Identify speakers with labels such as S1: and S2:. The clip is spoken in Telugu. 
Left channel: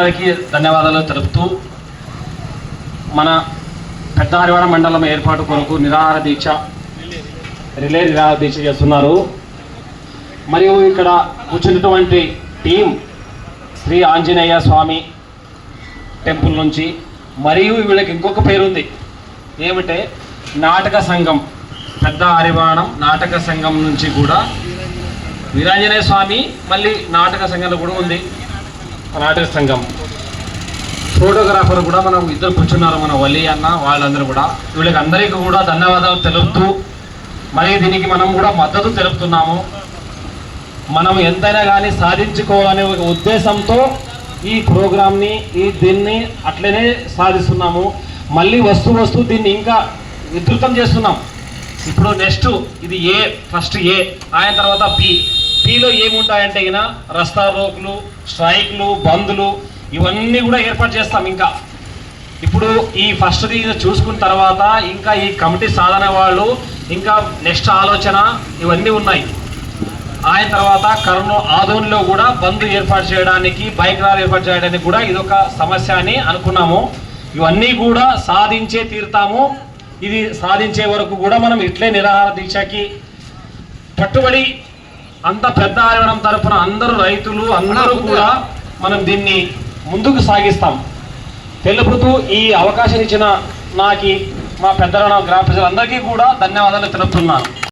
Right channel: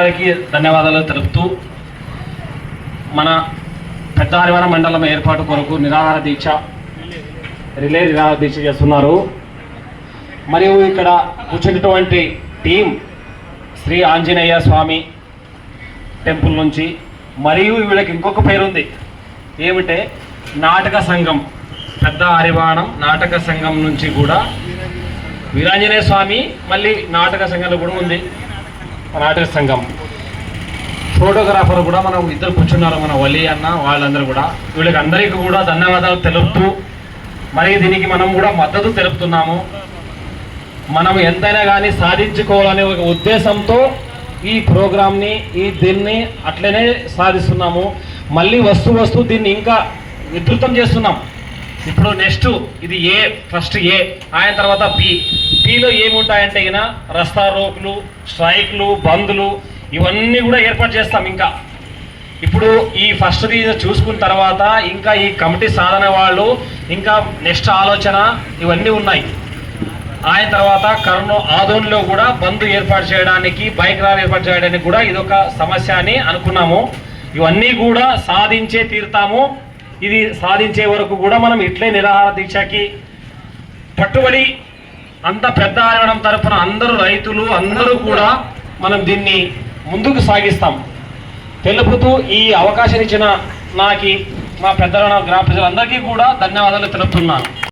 S1: గారికి ధన్యవాదాలు తెలుపుతూ మన పెద్ద హరివాణ మండలం ఏర్పాటు కొరకు నిరాహార దీక్ష రిలే నిరాహార దీక్ష చేస్తున్నారు. మరియు ఇక్కడ కూర్చున్నటువంటి టీం శ్రీ ఆంజనేయ స్వామి టెంపుల్ నుంచి మరియు వీళ్ళకి ఇంకొక పేరు ఉంది ఏమిటే? నాటక సంఘం పెద్ద హరివాణం నాటక సంఘం నుంచి కూడా వీరాంజనేయ స్వామి మళ్ళీ నాటక సంఘంలో కూడా ఉంది. నాటక సంఘం. ఫోటోగ్రాఫర్ కూడా మనం ఇద్దరు కూర్చున్నారు మన వలి అన్న వాళ్ళందరూ కూడా. వీళ్ళకి అందరికీ కూడా ధన్యవాదాలు తెలుపుతూ మరి దీనికి మనం కూడా మద్దతు తెలుపుతున్నాము. మనం ఎంతైనా కానీ సాధించుకోవాలనే ఒక ఉద్దేశంతో ఈ ప్రోగ్రామ్ని ఈ దీన్ని అట్లనే సాధిస్తున్నాము. మళ్ళీ వస్తూ వస్తూ దీన్ని ఇంకా విస్తృతం చేస్తున్నాం. ఇప్పుడు నెక్స్ట్ ఇది ఏ ఫస్ట్ ఏ ఆయన తర్వాత బి. బిలో ఏముంటాయంటే ఈయన రస్తా రోకులు స్ట్రైక్లు బంద్లు ఇవన్నీ కూడా ఏర్పాటు చేస్తాం ఇంకా. ఇప్పుడు ఈ ఫస్ట్ చూసుకున్న తర్వాత ఇంకా ఈ కమిటీ సాధన వాళ్ళు ఇంకా నెక్స్ట్ ఆలోచన ఇవన్నీ ఉన్నాయి. ఆయన తర్వాత కరోనా ఆదోన్లో కూడా బంద్ ఏర్పాటు చేయడానికి బైక్ ర్యాలీ ఏర్పాటు చేయడానికి కూడా ఇదొక సమస్య అని అనుకున్నాము. ఇవన్నీ కూడా సాధించే తీరుతాము. ఇది సాధించే వరకు కూడా మనం ఇట్లే నిరాహార దీక్షకి పట్టుబడి అంత పెద్ద ఆరవడం తరపున అందరూ రైతులు అందరూ కూడా మనం దీన్ని ముందుకు సాగిస్తాం. తెలుపుతూ ఈ అవకాశం ఇచ్చిన నాకి మా పెద్దల గ్రామ ప్రజలందరికీ కూడా ధన్యవాదాలు తెలుపుతున్నాను.